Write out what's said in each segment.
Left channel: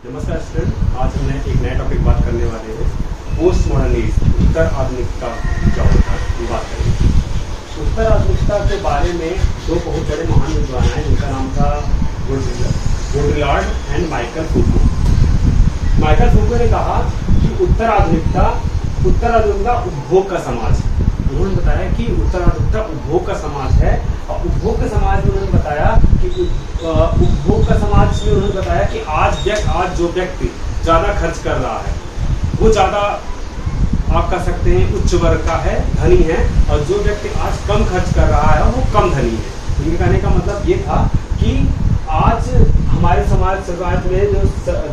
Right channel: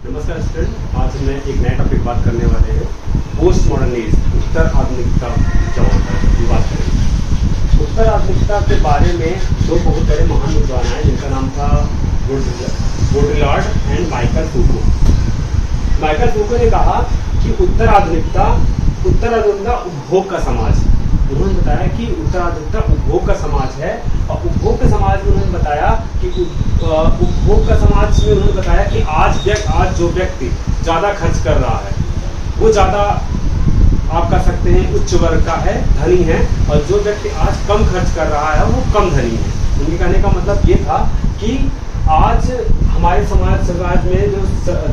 नमस्कार स्टूडेंट, आज मैं एक नया टॉपिक बात करने वाले हैं। पोस्ट मॉडर्निज्म, उत्तर आधुनिकता क्या होता है, ये बात करेंगे। उत्तर आधुनिकता के बारे में दो बहुत बड़े महान विद्वान हैं जिनका नाम था बाudrillard एंड माइकल फूको। माइकल फूको ने कहा कि उत्तर आधुनिकता उपभोग का समाज। उन्होंने बताया कि उत्तर आधुनिकता उपभोग का समाज है, और उपभोग के समाज में उन्होंने बताया कि उपभोग का समाज में उन्होंने बताया कि आज जो व्यक्ति ज्यादा खर्च कर रहा है वो ज्यादा, आप कह सकते हैं, उच्च वर्ग का है, धनी है, और जो व्यक्ति आज कम खर्च कर रहा है वो कम धनी है। उनके कहने का मतलब ये था कि आज हमारे समाज में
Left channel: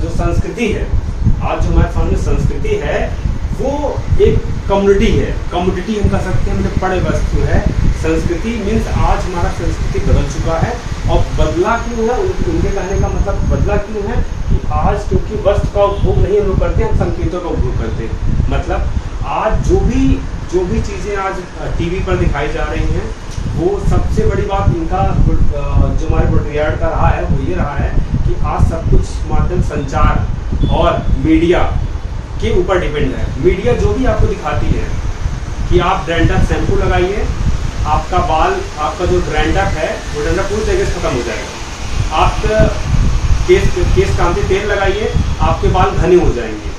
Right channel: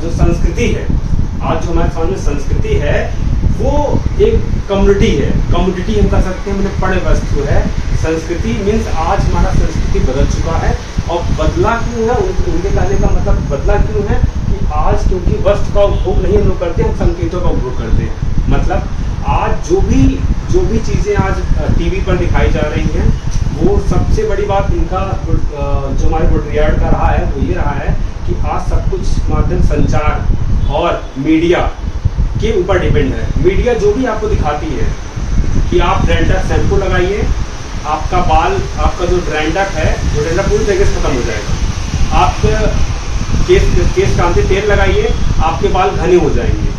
जो संस्कृति है, आज जो हमारे समाज में संस्कृति है वो एक कम्युनिटी है, कम्युनिटी हम कह सकते हैं, मतलब पड़े वस्तु है। संस्कृति मीन्स आज हमारा संस्कृति बदल चुका है, और बदला क्यों है, उनके कहने का मतलब बदला क्यों है कि आज क्योंकि वस्तु का उपभोग नहीं हम लोग करते, हम संकेतों का उपभोग करते हैं। मतलब आज जो भी चीजें आज टीवी पर दिखाई जा रही हैं, वो सबसे बड़ी बात इनका जो हमारे बाudrillard का रहा है वो ये रहा है कि आज सब कुछ माध्यम संचार और मीडिया के ऊपर डिपेंड है। मीडिया जो भी आपको दिखाती है कि आप डैंड्रफ शैम्पू लगाइए, आपका जो डैंड्रफ है वो डैंड्रफ पूरी तरीके से खत्म हो जाएगा। आप केस कांति तेल लगाइए, आपके बाल घने हो जाएंगे।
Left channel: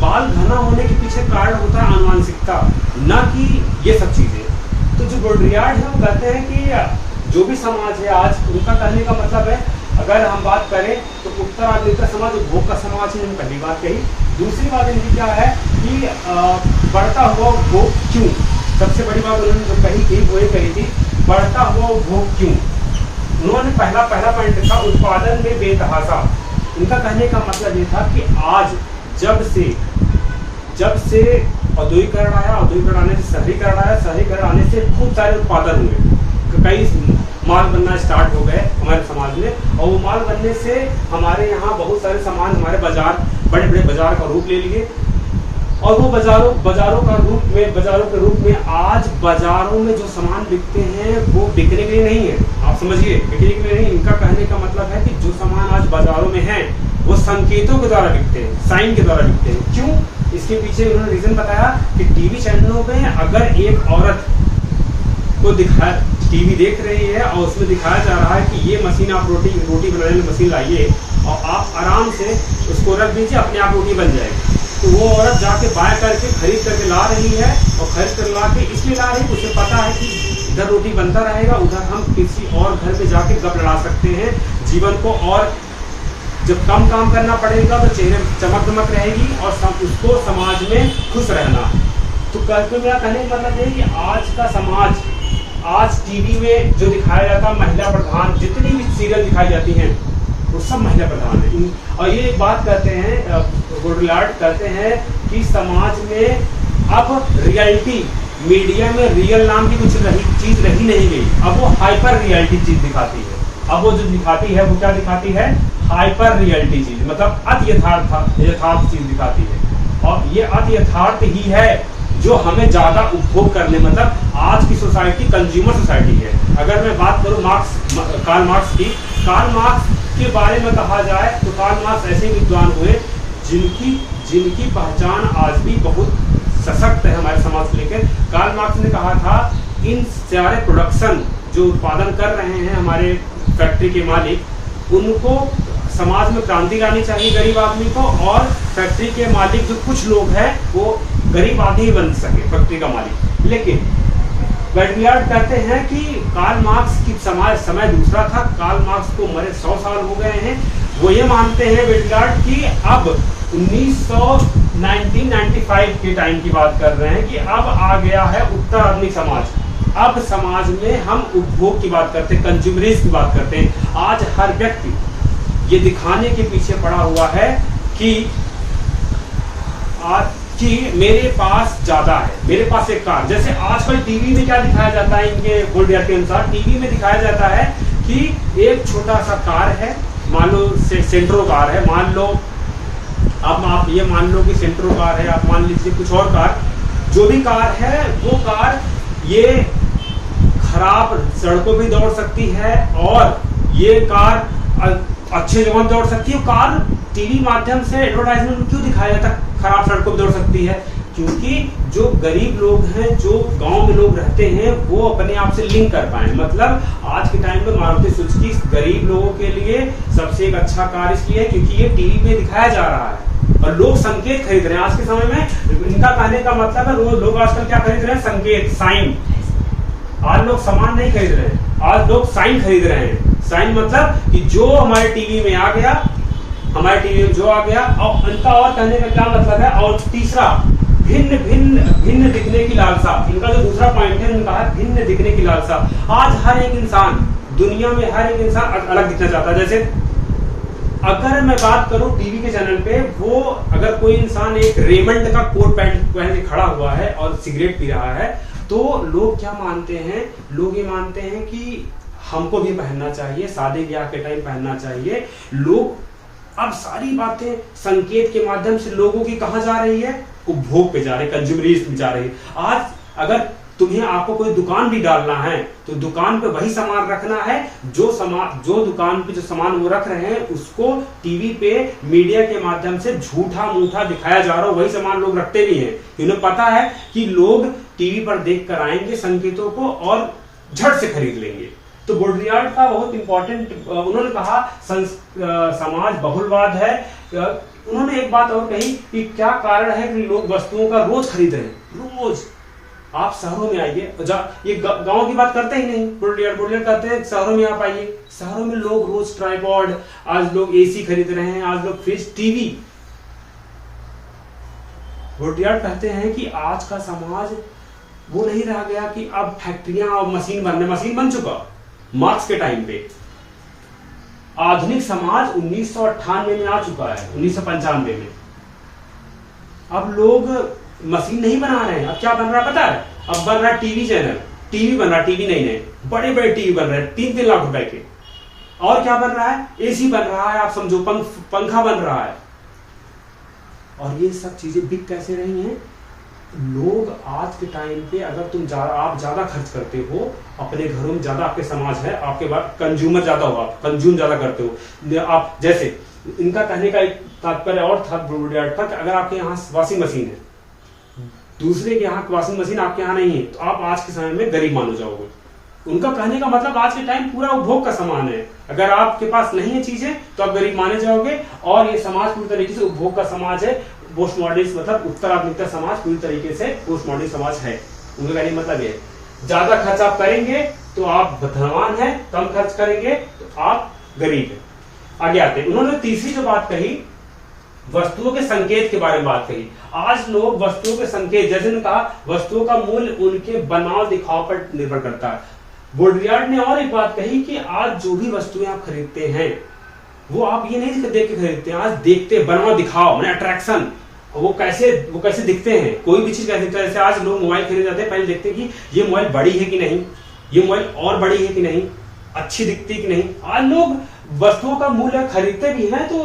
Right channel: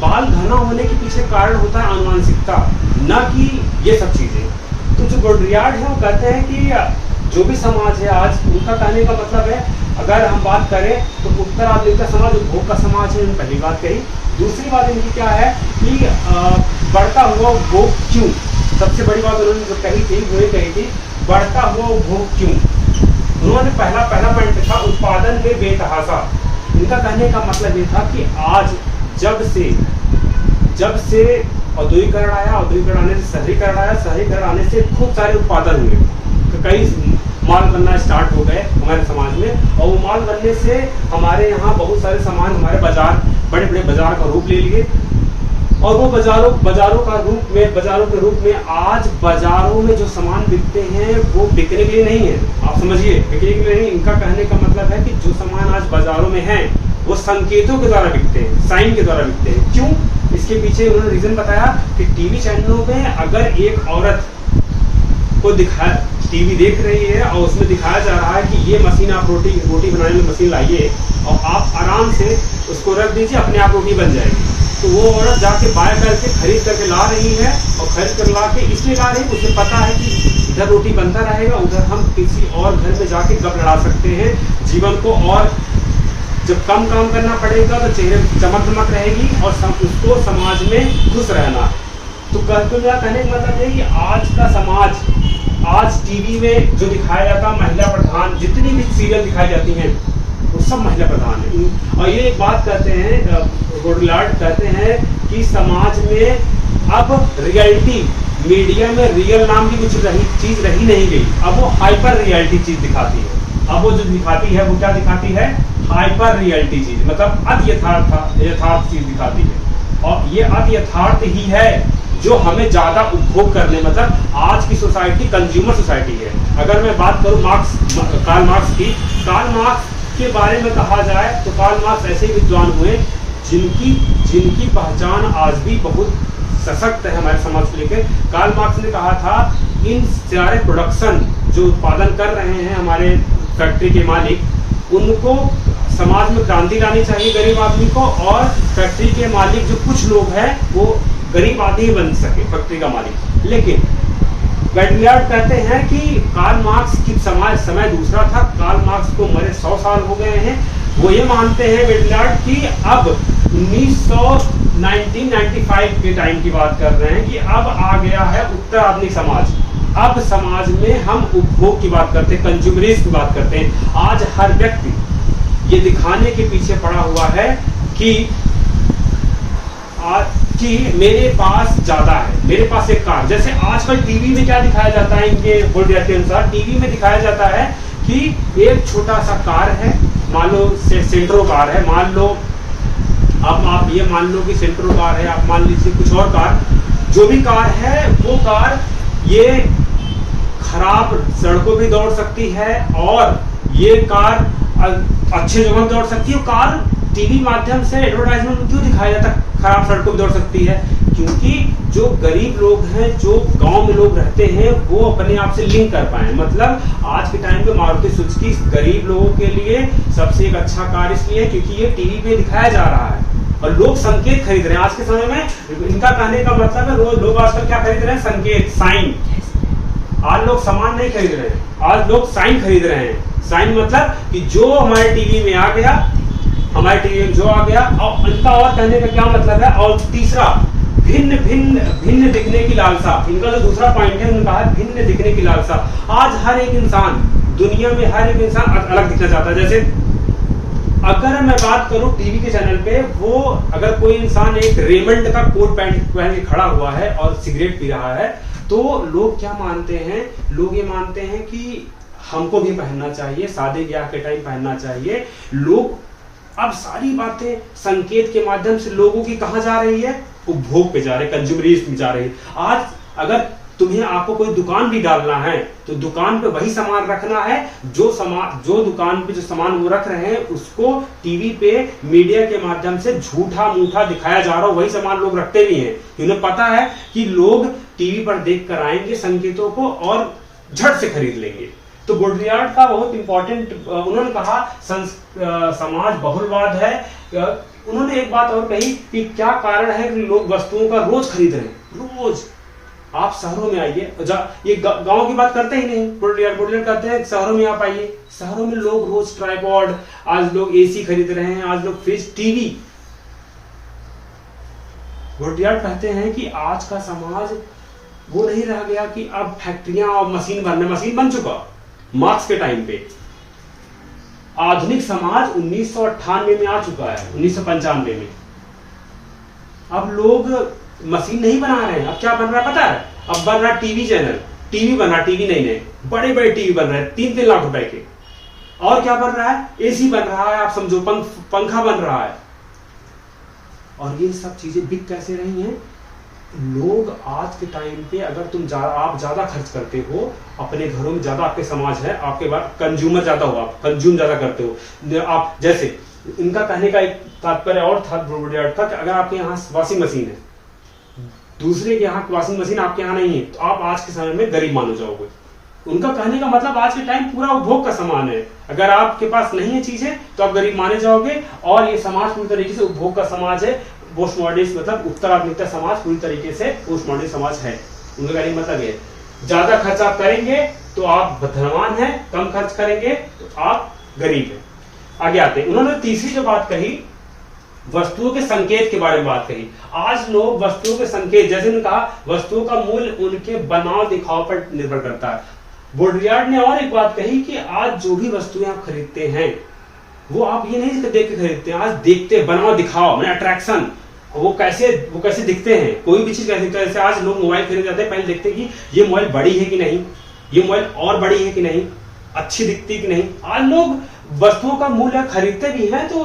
बाल घना होने के पीछे कारण होता है आनुवंशिकता, न कि ये सब चीजें। तो जो बाudrillard है वो कहते हैं कि जो भी समाज है आज, उनका कहने का मतलब है, अगर हम बात करें तो उत्तर आधुनिक समाज उपभोग का समाज है, पहली बात कही। दूसरी बात इनकी क्या है कि बढ़ता हुआ उपभोग क्यों, सबसे बड़ी बात उन्होंने जो कही थी वो ये कही थी, बढ़ता हुआ उपभोग क्यों। उन्होंने पहला पॉइंट था उत्पादन में बेतहाशा। इनका कहने का मतलब ये था कि आज जब से औद्योगिकरण आया, औद्योगिकरण आने से शहरीकरण आया, शहरीकरण आने से खूब सारे उत्पादन हुए, कई माल बनना स्टार्ट हो गए हमारे समाज में, और वो माल बनने से हमारे यहाँ बहुत सारे सामान, हमारे बाजार, बड़े बड़े बाजार का रूप ले लिए, और वो बाजारों के रूप में आज बाजारों में जो सामान बिकते हैं वो बिकने के लिए नहीं है, आप समझिए, बिकने के लिए नहीं। इनका कहने का मतलब है कि जो सामान आज बाजारों में है वो संकेतों के द्वारा बिकते हैं, साइन के द्वारा बिकते हैं। क्यों? इसके पीछे उन्होंने रीजन बताया कि टीवी चैनलों में अगर एक औरत को टीवी देख रही है और उसमें दिखाया जा रहा है कि ये मशीन, आप रोटी बनाने में मशीन लाइए और आप आराम से उसको रख दीजिए, अपने आप रोटी बन जाएगी, तो वो औरत जाके बाय करके खरीद करके ला रही है, और खरीद कर ला के इसलिए ला रही है, उसे पता है कि इधर रोटी बनता रहेगा, उधर हम किसी और घर में जाके गप लड़ा सकते हैं जीवन को, और जब कम काम करना पड़ेगा तो चेहरे चमक दमक रहेगी, और उसको समाज में खुश रहना है। तो कहने का मतलब है कि आज का समाज, आज टीवी में जो दिखाया जाता महिला प्रधान, जितनी भी सीरियल दिखाई जाती हैं वो सब महिला प्रधान है। और ये एक बात कहते हैं, बाudrillard कहते हैं कि समाज में अब रियलिटी, मीडिया में रियल नाम की कुछ चीज रही नहीं गई, अब वो हाइपर रियलिटी चीज दिखाती है। अब वो जो दिखाती है वो क्या दिखाती है? हाइपर रियलिटी चीज, मतलब अति यथार्थ चीज दिखाती है, और ये अति यथार्थ ही है जो हमें ज्यादा उपभोग करने, मतलब आज की सोसाइटी कंज्यूमर सोसाइटी है। अगर मैं बात करूं कार्ल मार्क्स की, कार्ल मार्क्स के बारे में कहा जाए तो कार्ल मार्क्स ऐसे विद्वान हुए जिनकी पहचान आज भी बहुत सशक्त है हमारे समाज को लेकर। कार्ल मार्क्स ने कहा था, इन सारे प्रोडक्शन जो उत्पादन कर रहे हैं हमारे फैक्ट्री के मालिक, उनको समाज में क्रांति लानी चाहिए गरीब आदमी को, और फैक्ट्री के मालिक जो कुछ लोग हैं वो गरीब आदमी ही बन सके फैक्ट्री का मालिक। लेकिन बाudrillard कहते हैं कि कार्ल मार्क्स की समय दूसरा था, कार्ल मार्क्स को मरे 100 साल हो गए हैं। वो ये मानते हैं बाudrillard कि अब 1995 के टाइम की बात कर रहे हैं कि अब आ गया है उत्तर आधुनिक समाज। अब समाज में हम उपभोग की बात करते हैं, कंज्यूमरिज्म की बात करते हैं। आज हर व्यक्ति ये दिखाने के पीछे पड़ा हुआ है कि मेरे पास ज्यादा है, मेरे पास एक कार। जैसे आजकल टीवी में क्या दिखाया जाता है, इनके बाudrillard के अनुसार टीवी में दिखाया जाता है कि एक छोटा सा कार है, मान लो सेंट्रो कार है, मान लो आप ये मान लो कि सेंट्रो कार है, आप मान लीजिए कुछ और कार, जो भी कार है वो कार ये खराब सड़कों भी दौड़ सकती है, और ये कार अच्छे जगह दौड़ सकती है। कार टीवी माध्यम से एडवर्टाइजमेंट क्यों दिखाया जाता है खराब सड़कों पर दौड़ सकती है? क्योंकि जो गरीब लोग हैं, जो गांव में लोग रहते हैं, वो अपने आप से लिंक कर पाए। मतलब आज के टाइम पे मारुति सुजुकी गरीब लोगों के लिए सबसे एक अच्छा कार इसलिए है क्योंकि ये टीवी पे दिखाया जा रहा है और लोग संकेत खरीद रहे हैं। आज के समय में इनका कहने का मतलब है लोग आजकल क्या खरीद रहे हैं? संकेत, साइन। आज लोग सामान नहीं खरीद रहे हैं, आज लोग साइन खरीद रहे हैं। साइन मतलब कि जो हमारे टीवी में आ गया, हमारे टीवी में जो आ गया। और इनका और कहने का क्या मतलब है? और तीसरा, भिन्न भिन्न भिन्न दिखने की लालसा। इनका जो दूसरा पॉइंट है उनका है भिन्न दिखने की लालसा। आज हर एक इंसान, दुनिया में हर एक इंसान अलग दिखना चाहता है। जैसे अगर मैं बात करूं टीवी के चैनल पे, वो अगर कोई इंसान एक रेमंड का कोट पैंट पहन के खड़ा हुआ है और सिगरेट पी रहा है, तो लोग क्या मानते हैं? लोग ये मानते हैं कि हमको भी पहनना चाहिए, शादी ब्याह के टाइम पहनना चाहिए। लोग अब सारी बातें संकेत के माध्यम से लोगों की कहां जा रही है? उपभोग पे जा रहे, कंज्यूमरिज्म में जा रही है। आज अगर तुम्हें आपको कोई दुकान भी डालना है तो दुकान पे वही सामान रखना है जो दुकान पे जो सामान वो रख रहे हैं उसको टीवी पे मीडिया के माध्यम से झूठा मूठा दिखाया जा रहा हो, वही सामान लोग रखते भी हैं। उन्हें पता है कि लोग टीवी पर देख कर आएंगे संकेतों को और झट से खरीद लेंगे। तो बोड्रियार्ड का बहुत इंपॉर्टेंट, उन्होंने कहा समाज बहुलवाद है। उन्होंने एक बात और कही कि क्या कारण है कि लोग वस्तुओं का रोज खरीद रहे हैं। रोज आप शहरों में आइए, ये गांव की बात करते ही नहीं। बोड्रियार्ड कहते हैं शहरों में आप आइए, शहरों में लोग रोज ट्राइपॉड, आज लोग एसी खरीद रहे हैं, आज लोग फ्रिज, टीवी। बोड्रियार्ड कहते हैं कि आज का समाज वो नहीं रह गया कि अब फैक्ट्रियां और मशीन बन चुका। मार्क्स के टाइम पे आधुनिक समाज 1998 में आ चुका है, 1995 में। अब लोग मशीन नहीं बना रहे हैं। अब क्या बन रहा है पता है? अब बन रहा है टीवी चैनल, टीवी बन रहा है, टीवी नहीं, बड़े बड़े टीवी बन रहे हैं 3-3 लाख रुपए के। और क्या बन रहा है? एसी बन रहा है, आप समझो पंखा बन रहा है। और ये सब चीजें बिक कैसे रही हैं? लोग आज के टाइम पे अगर आप ज्यादा खर्च करते हो अपने घरों में, ज्यादा आपके समाज है, आपके बाद कंज्यूमर ज्यादा होगा, कंज्यूम ज्यादा करते हो आप। जैसे इनका कहने का एक तात्पर्य और था बोड्रियार्ड का, अगर आपके यहाँ वॉशिंग मशीन है, दूसरे के यहाँ वॉशिंग मशीन आपके यहाँ नहीं है, तो आप आज के समय में गरीब माने जाओगे। उनका कहने का मतलब आज के टाइम पूरा उपभोग का सामान है। अगर आपके पास नहीं है चीजें तो आप गरीब माने जाओगे। और ये समाज पूरी तरीके से उपभोग का समाज है। पोस्ट मॉडर्निस्ट मतलब उत्तर आधुनिकता समाज पूरी तरीके से पोस्ट मॉडर्न समाज है। उनका कहने का मतलब ये, ज्यादा खर्च आप करेंगे तो आप धनवान हैं, कम खर्च करेंगे तो आप गरीब हैं। आगे आते हैं, उन्होंने तीसरी जो बात कही, वस्तुओं के संकेत के बारे में बात कही। आज लोग वस्तुओं के संकेत, जैसे उन्होंने कहा वस्तुओं का मूल्य उनके बनाव दिखाव पर निर्भर करता है। बोड्रियार्ड ने और एक बात कही कि आज जो भी वस्तुएं आप खरीदते हैं वो आप ये नहीं देख के खरीदते हैं, आज देखते बनाव दिखाव मैंने अट्रैक्शन, वो कैसे दिखते हैं, कोई भी चीज कैसे दिखता है। जैसे आज लोग मोबाइल खरीद जाते हैं, पहले देखते हैं कि ये मोबाइल बड़ी है कि नहीं, ये मोबाइल और बड़ी है कि नहीं, अच्छी दिखती है कि नहीं। आज लोग वस्तुओं का मूल्य खरीदते भी हैं तो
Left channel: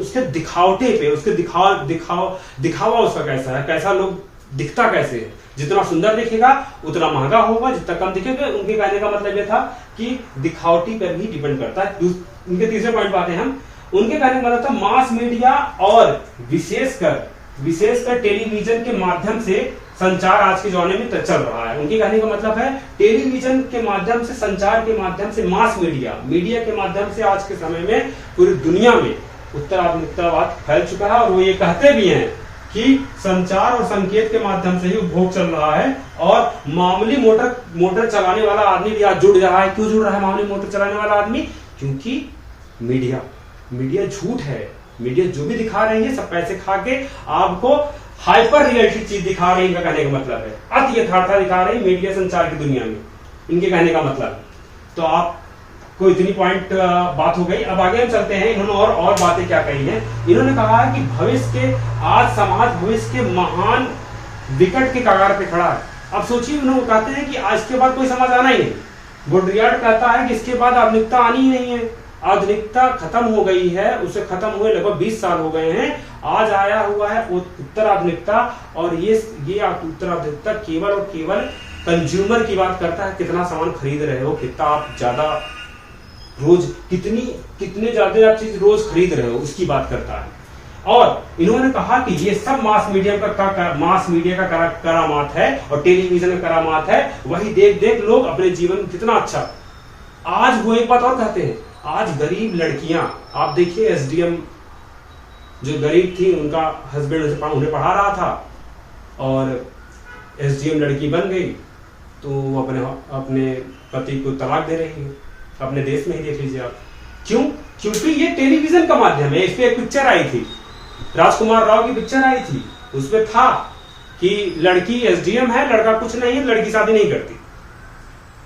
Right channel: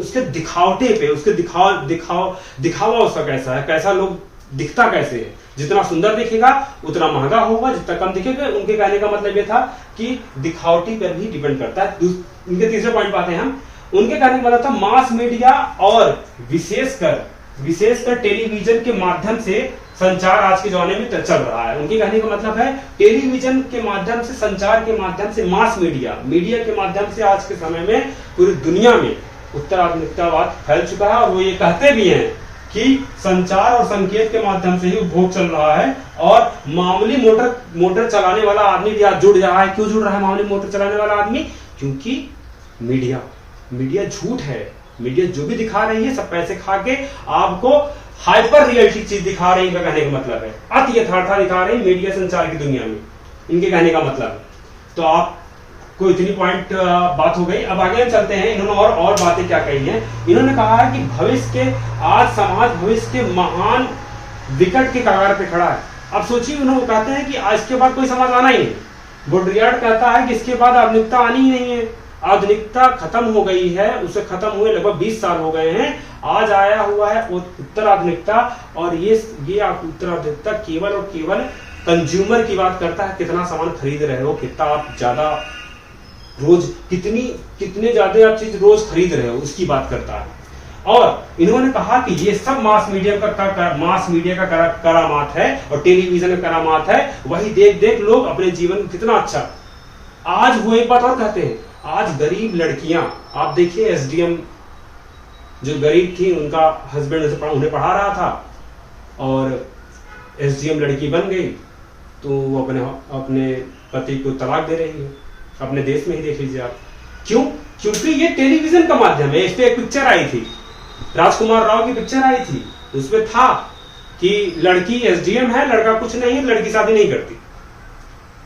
उसके दिखावटे पे, उसके दिखावा उसका कैसा है, कैसा लोग दिखता कैसे है। जितना सुंदर दिखेगा उतना महंगा होगा, जितना कम दिखेगा। उनके कहने का मतलब ये था कि दिखावटी पर भी डिपेंड करता है। उनके तीसरे पॉइंट पाते हैं हम, उनके कहने का मतलब था मास मीडिया और विशेषकर टेलीविजन के माध्यम से संचार आज के जमाने में चल रहा है। उनके कहने का मतलब है टेलीविजन के माध्यम से, संचार के माध्यम से, मास मीडिया के माध्यम से आज के समय में पूरी दुनिया में उत्तर आधुनिकतावाद फैल चुका है। और वो ये कहते भी हैं कि संचार और संकेत के माध्यम से ही उपभोग चल रहा है। और मामूली मोटर चलाने वाला आदमी भी आज जुड़ रहा है। क्यों जुड़ रहा है मामूली मोटर चलाने वाला आदमी? क्योंकि मीडिया झूठ है। मीडिया जो भी दिखा रही है सब पैसे खा के आपको हाइपर रियलिटी चीज दिखा रही है। कहने का मतलब है अति यथार्था दिखा रही मीडिया संचार की दुनिया में, इनके कहने का मतलब। तो आपको इतनी पॉइंट बात हो गई। अब आगे हम चलते हैं, इन्होंने और बातें क्या कही हैं। इन्होंने कहा है कि आज समाज भविष्य के महान विकट के कगार पे खड़ा है। अब सोचिए, उन्होंने कहते हैं कि आज के बाद कोई समाज आना ही नहीं। बोड्रियार्ड कहता है कि इसके बाद आधुनिकता आनी ही नहीं है, आधुनिकता खत्म हो गई है, उसे खत्म हुए लगभग 20 साल हो गए हैं। आज आया हुआ है उत्तर आधुनिकता, और ये उत्तर आधुनिकता केवल और केवल कंज्यूमर की बात करता है। कितना सामान खरीद रहे हो, कितना आप ज्यादा रोज कितने ज्यादा आप चीज रोज खरीद रहे हो, उसकी बात करता है। और इन्होंने कहा कि ये सब मास मीडिया का करामात है और टेलीविजन का करामात है। वही देख देख लोग अपने जीवन में कितना अच्छा। आज वो एक बात और कहते हैं, आज गरीब लड़कियां, आप देखिए एसडीएम जो गरीब थी, उनका हस्बैंड उन्हें पढ़ा रहा था और एसडीएम लड़की बन गई, तो वो अपने पति को तलाक दे रही है। अपने देश में ही देख लीजिए आप। क्यों? क्योंकि ये टेलीविजन का माध्यम है। इस पे एक पिक्चर आई थी, राजकुमार राव की पिक्चर आई थी, उसमें था कि लड़की एसडीएम है, लड़का कुछ नहीं है, लड़की शादी नहीं करती।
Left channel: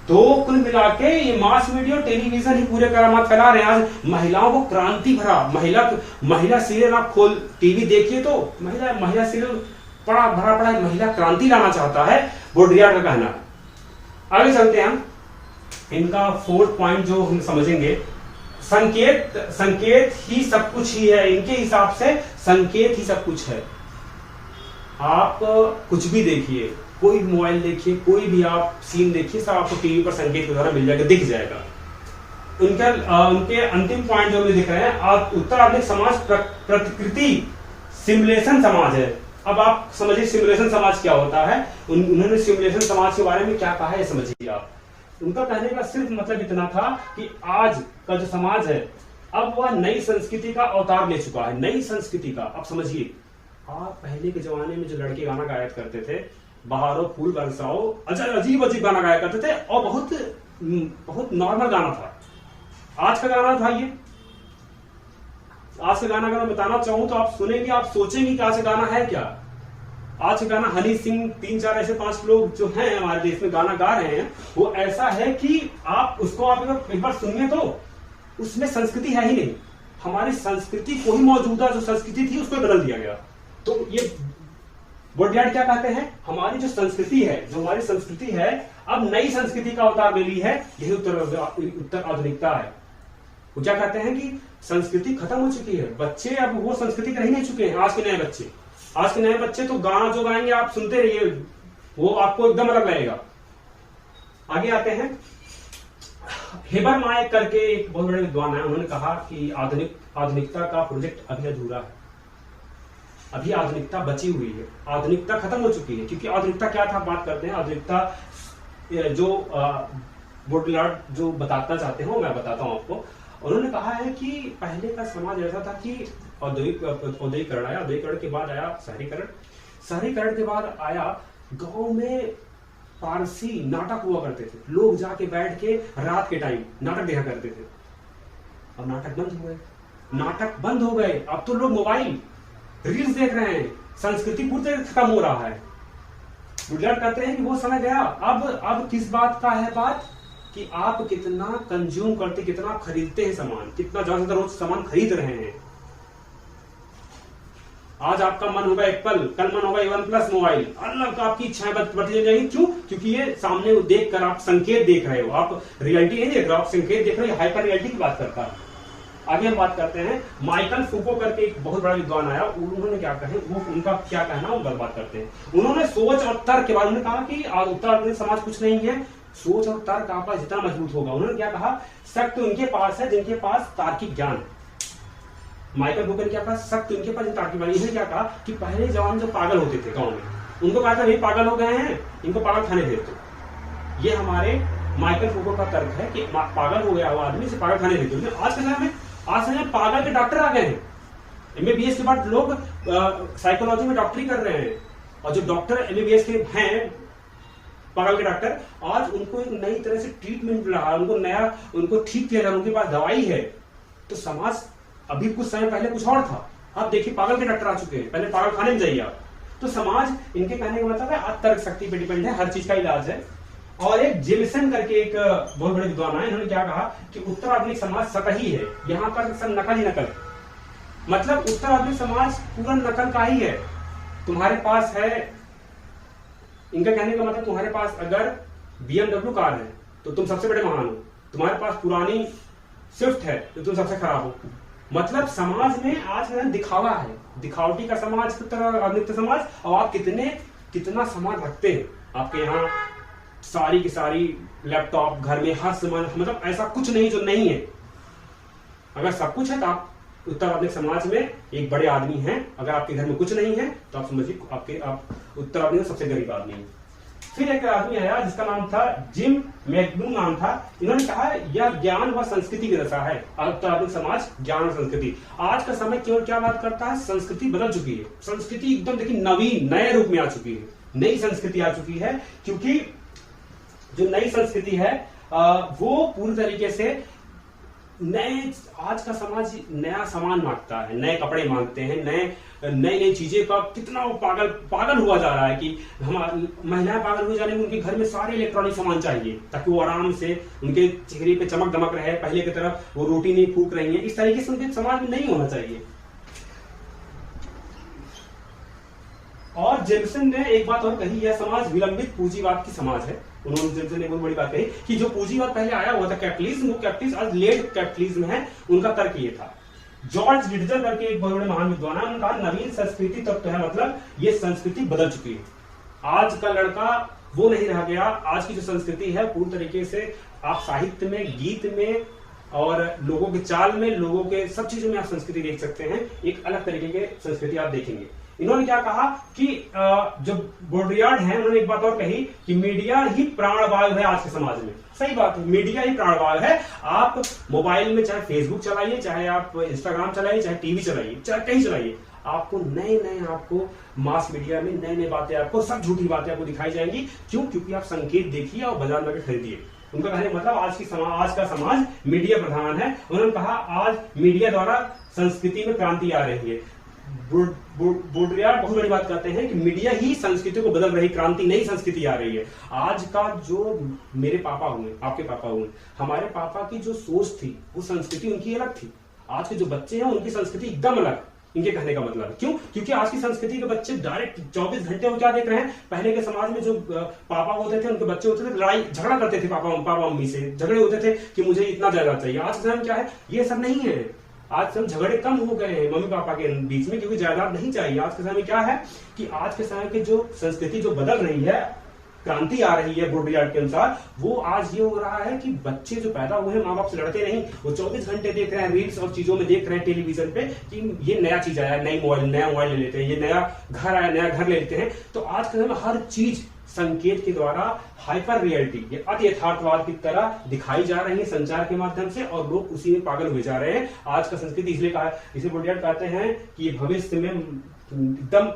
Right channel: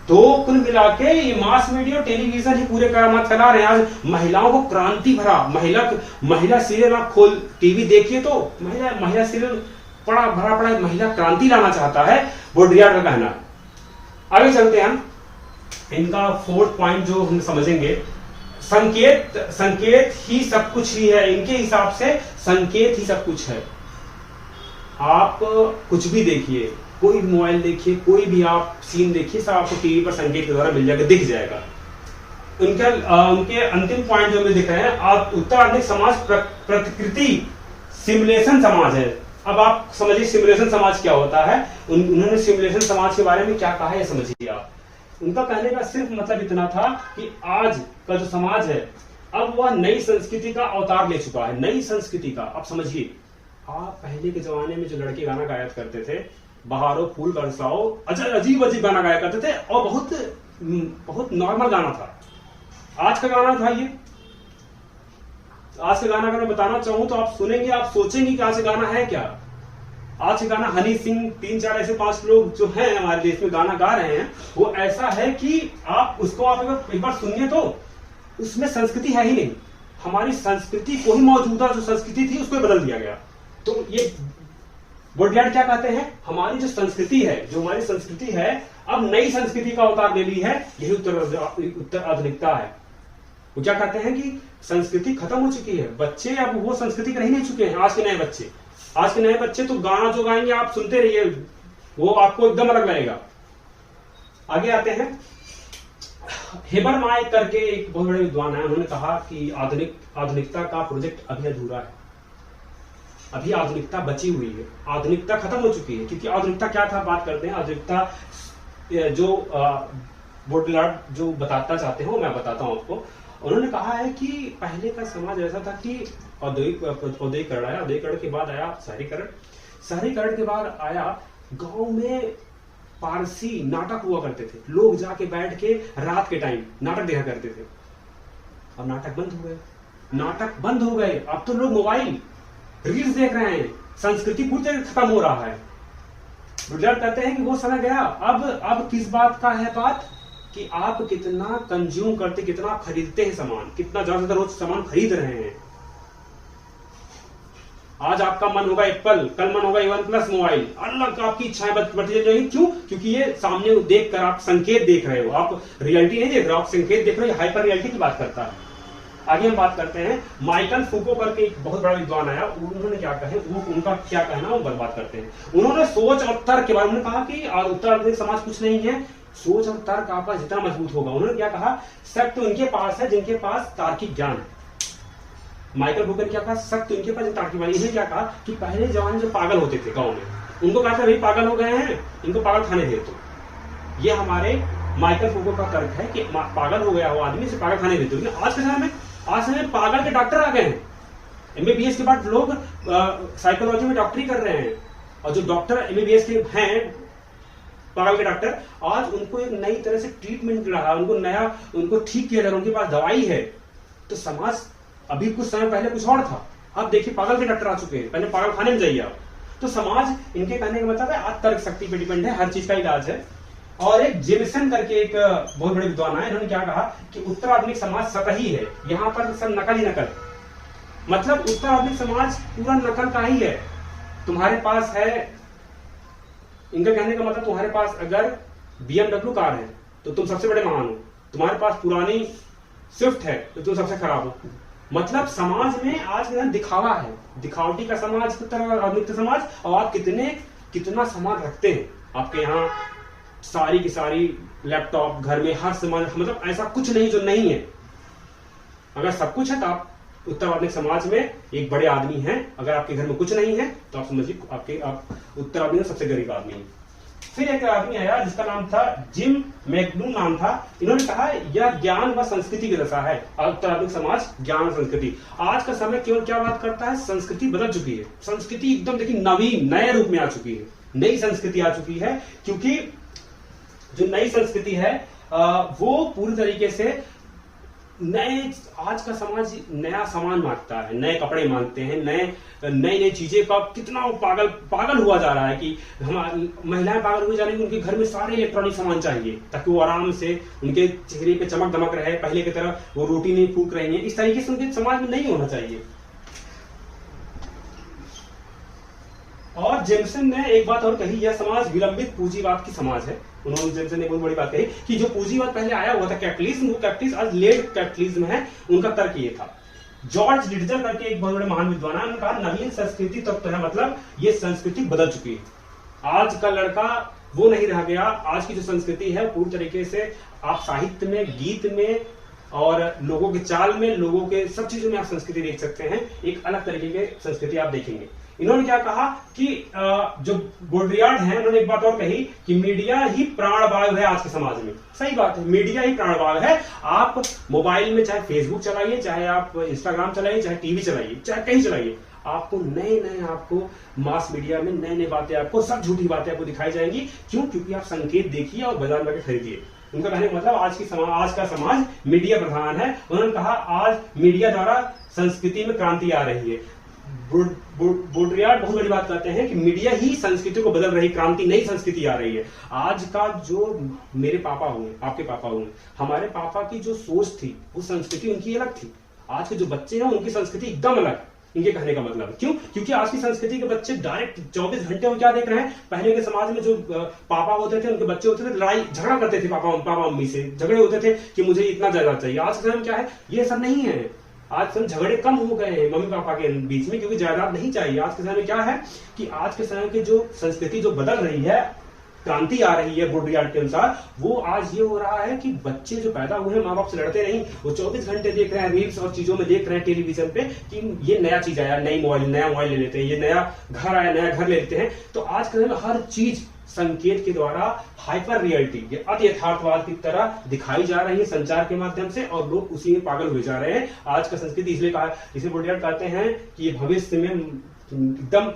तो कुल मिला के ये मास मीडिया और टेलीविजन ही पूरे करामात फैला रहे हैं। आज महिलाओं को क्रांति भरा, महिला सीरियल आप खोल टीवी देखिए तो महिला सीरियल पड़ा महिला क्रांति लाना चाहता है, बोडरियाड का कहना है। आगे चलते हैं हम, इनका 4th पॉइंट जो हम समझेंगे, संकेत ही सब कुछ ही है। इनके हिसाब से संकेत ही सब कुछ है। आप कुछ भी देखिए, कोई मोबाइल देखिए, कोई भी आप सीन देखिए, सब आपको टीवी पर संकेत के द्वारा मिल जाएगा, दिख जाएगा। उनके अंतिम पॉइंट जो हमें दिख रहे हैं, उत्तर आधुनिक समाज प्रतिकृति सिमुलेशन समाज है। अब आप समझिए सिमुलेशन समाज क्या होता है। उन्होंने सिमुलेशन समाज के बारे में क्या कहा है समझिए आप। उनका कहने का सिर्फ मतलब इतना था कि आज का जो समाज है, अब वह नई संस्कृति का अवतार ले चुका है, नई संस्कृति का। अब समझिए, आप पहले के जमाने में जो लड़के गाना गाया करते थे, बहारो फूल बरसाओ, अजीब अजीब गाना गाया करते थे और बहुत नॉर्मल गाना था। आज का गाना था ये, आज का गाना अगर मैं बताना चाहूं तो आप सुनेंगे, आप सोचेंगे कि आज का गाना है क्या। आज का गाना हनी सिंह, 3-4 ऐसे 5 लोग जो हैं हमारे देश में गाना गा रहे हैं, वो ऐसा है कि आप उसको आप एक बार सुनिए तो उसमें संस्कृति है ही नहीं। हमारी संस्कृति को ही, मौजूदा जो संस्कृति थी उसको बदल दिया गया। तो ये बोडरियाड क्या कहते हैं, हमारी जो संस्कृति है, जो हमारी संस्कृति है, अब नई संस्कृति का अवतार ले ली है। यही उत्तर आधुनिकता है। वो क्या कहते हैं कि संस्कृति खत्म हो चुकी है, बच्चे अब वो संस्कृति रह नहीं चुके हैं। आज के नए बच्चे तो गाना जो गाएंगे आप सुनते रहिए, वो आपको एकदम अलग लगेगा। आगे आते हैं, हेबरमाय करके एक बहुत बड़े विद्वान है, उन्होंने कहा कि आधुनिकता का प्रोजेक्ट अभी अधूरा है, अभी आधुनिकता बची हुई है, आधुनिकता खत्म हो चुकी है। क्योंकि आधुनिकता क्या था, बात करते हैं आधुनिकता जो बोडरियाड जो बताना चाहते हो, मैं बताता हूं आपको। उन्होंने कहा है कि पहले का समाज ऐसा था कि औद्योगिकरण आया, औद्योगिकरण के बाद आया शहरीकरण के बाद आया गांव में पारसी नाटक हुआ करते थे। लोग जाके बैठ के रात के टाइम नाटक देखा करते थे। अब नाटक बंद हो गए। अब तो लोग मोबाइल रील्स देख रहे हैं, संस्कृति पूरी तरह खत्म हो रहा है। बोडरियाड कहते हैं कि वो समय गया। अब किस बात का है बात कि आप कितना कंज्यूम करते, कितना खरीदते हैं सामान, कितना ज्यादा रोज सामान खरीद रहे हैं। आज आपका मन होगा एप्पल, कल मन होगा OnePlus मोबाइल, अलग आपकी इच्छाएं बढ़ती जाएंगी। क्यों? क्योंकि ये सामने देखकर आप संकेत देख रहे हो, आप रियलिटी नहीं देख रहे हो, आप संकेत देख रहे हो। हाइपर रियलिटी की बात करता है। आगे हम बात करते हैं, माइकल फूको करके एक बहुत बड़ा विद्वान आया, उन्होंने क्या कहे, उनका क्या कहना, वो बात करते हैं। उन्होंने सोच और तर्क के बारे में कहा कि उत्तर आधुनिक समाज कुछ नहीं है, सोच और तर्क आपका जितना मजबूत होगा। उन्होंने क्या कहा, शक्ति उनके पास है जिनके पास तार्किक ज्ञान है। माइकल फूको ने क्या कहा, शक्ति उनके पास तार्किक ज्ञान। इन्हें क्या कहा कि पहले जमाने जो पागल होते थे गाँव में, उनको कहा था भाई पागल हो गए हैं, इनको पागल खाने दे दो। ये हमारे माइकल फूको का तर्क है कि पागल हो गया हुआ आदमी से पागल खाने दे दो। लेकिन आज के समय में पागल के डॉक्टर आ गए हैं। MBBS के बाद लोग साइकोलॉजी में डॉक्टरी कर रहे हैं, और जो डॉक्टर MBBS के हैं, पागल के डॉक्टर, आज उनको एक नई तरह से ट्रीटमेंट मिल रहा है, उनको ठीक किया जा रहा है, उनके पास दवाई है। तो समाज अभी कुछ समय पहले कुछ और था, अब देखिए पागल के डॉक्टर आ चुके हैं, पहले पागल खाने में जाइए आप। तो समाज, इनके कहने का मतलब है आज तर्क शक्ति पे डिपेंड है, हर चीज का इलाज है। और एक जेमिसन करके एक बहुत बड़े विद्वान है, इन्होंने क्या कहा कि उत्तर आधुनिक समाज सतही है, यहाँ पर सब नकल ही नकल। मतलब उत्तर आधुनिक समाज पूरा नकल का ही है। तुम्हारे पास है, इनका कहने का मतलब तुम्हारे पास अगर BMW कार है तो तुम सबसे बड़े महान हो, तुम्हारे पास पुरानी स्विफ्ट है तो तुम सबसे खराब हो। मतलब समाज में आज दिखावा है, दिखावटी का समाज, उत्तर आधुनिक समाज। और आप कितना सामान रखते हैं, आपके यहाँ सारी की सारी लैपटॉप, घर में हर सामान, मतलब ऐसा कुछ नहीं जो नहीं है। अगर सब कुछ है तो आप उत्तराधुनिक समाज में एक बड़े आदमी हैं। अगर आपके घर में कुछ नहीं है तो आप समझिए आप उत्तराधुनिक में सबसे गरीब आदमी हैं। फिर एक आदमी आया जिसका नाम था जिम मैकडूम नाम था। इन्होंने कहा यह ज्ञान व संस्कृति की दशा है। उत्तराधुनिक समाज ज्ञान और संस्कृति। आज का समय केवल क्या बात करता है, संस्कृति बदल चुकी है। संस्कृति एकदम देखिए नवीन नए रूप में आ चुकी है, नई संस्कृति आ चुकी है। क्योंकि जो नई संस्कृति है वो पूरी तरीके से नए, आज का समाज नया सामान मांगता है, नए कपड़े मांगते हैं, नई चीजें का कितना वो पागल हुआ जा रहा है कि हमारी महिलाएं पागल हुई जा रही है। उनके घर में सारे इलेक्ट्रॉनिक सामान चाहिए ताकि वो आराम से उनके चेहरे पे चमक दमक रहे, पहले की तरह वो रोटी नहीं फूक रही है। इस तरीके से उनके समाज में नहीं होना चाहिए। और जेमसन ने एक बात और कही, यह समाज विलंबित पूंजीवाद की समाज है। उन्होंने जेमसन ने बहुत बड़ी बात कही कि जो पूंजीवाद पहले आया हुआ था कैपिटलिज्म, वो कैपिटलिज्म आज लेट कैपिटलिज्म है। उनका तर्क ये था। जॉर्ज लिटजर करके एक बहुत बड़े महान विद्वान है, उनका नवीन संस्कृति तब तो है, मतलब ये संस्कृति बदल चुकी है। आज का लड़का वो नहीं रह गया। आज की जो संस्कृति है पूरी तरीके से आप साहित्य में, गीत में और लोगों के चाल में, लोगों के सब चीजों में आप संस्कृति देख सकते हैं। एक अलग तरीके की संस्कृति आप देखेंगे। इन्होंने क्या कहा कि जो बोड्रियार्ड हैं, उन्होंने एक बात और कही कि मीडिया ही प्राणवायु है आज के समाज में। सही बात है, मीडिया ही प्राणवायु है। आप मोबाइल में चाहे फेसबुक चलाइए, चाहे आप इंस्टाग्राम चलाइए, चाहे टीवी चलाइए, चाहे कहीं चलाइए, आपको नए आपको मास मीडिया में नए बातें, आपको सब झूठी बातें आपको दिखाई जाएंगी। क्यों? क्योंकि आप संकेत देखिए और बाजार में खरीदिए। उनका कहने का मतलब आज का समाज मीडिया प्रधान है। उन्होंने कहा आज मीडिया द्वारा संस्कृति में क्रांति आ रही है। बोड्रियार्ड बहुत बड़ी बात कहते हैं कि मीडिया ही संस्कृति को बदल रही, क्रांति, नई संस्कृति आ रही है। आज का जो मेरे पापा हुए, आपके पापा हुए, हमारे पापा की जो सोच थी वो संस्कृति उनकी अलग थी। आज के जो बच्चे हैं उनकी संस्कृति एकदम अलग। इनके कहने का मतलब क्यों? क्योंकि आज की संस्कृति के बच्चे डायरेक्ट 24 घंटे में क्या देख रहे हैं। पहले के समाज में जो पापा होते थे, उनके बच्चे होते थे, लड़ाई झगड़ा करते थे, पापा मम्मी से झगड़े होते थे कि मुझे इतना जायदाद चाहिए। आज के समय क्या है, ये सब नहीं है। आज समय झगड़े कम हो गए हैं मम्मी पापा के बीच में, क्योंकि जायदाद नहीं चाहिए। आज के समय क्या है कि आज के समय की जो संस्कृति जो बदल रही है, क्रांति आ रही है बोड्रियार्ड के अनुसार, वो आज ये हो रहा है कि बच्चे जो पैदा हुए हैं माँ बाप से लड़ते नहीं, वो 24 घंटे देख रहे हैं, रील्स और चीजों में देख रहे हैं टेलीविजन पे कि ये नया चीज आया, नया मोबाइल ले लेते हैं, ये नया घर आया, नया घर ले लेते हैं। तो आज के समय हर चीज संकेत के द्वारा हाइपर रियलिटी, ये अति यथार्थवाद की तरह दिखाई जा रही है संचार के माध्यम से, और लोग उसी में पागल हुए जा रहे हैं। आज का संस्कृति इसलिए कहा, इसे बोड्रियार्ड कहते हैं कि ये भविष्य में एकदम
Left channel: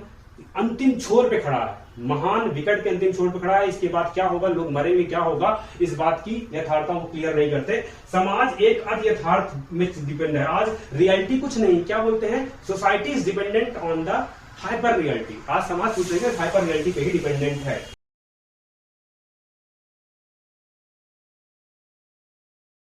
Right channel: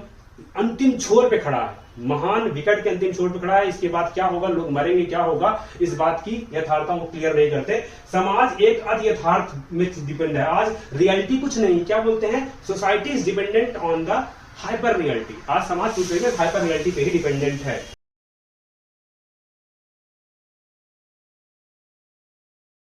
अंतिम छोर पे खड़ा है, महान विकट के अंतिम छोर पे खड़ा है। इसके बाद क्या होगा, लोग मरेंगे, क्या होगा, इस बात की यथार्थता वो क्लियर नहीं करते। समाज एक अति यथार्थ में डिपेंड है। आज रियलिटी कुछ नहीं, क्या बोलते हैं, society is dependent on the hyper reality. आज समाज पूछ रहे हाइपर रियलिटी पे ही डिपेंडेंट है।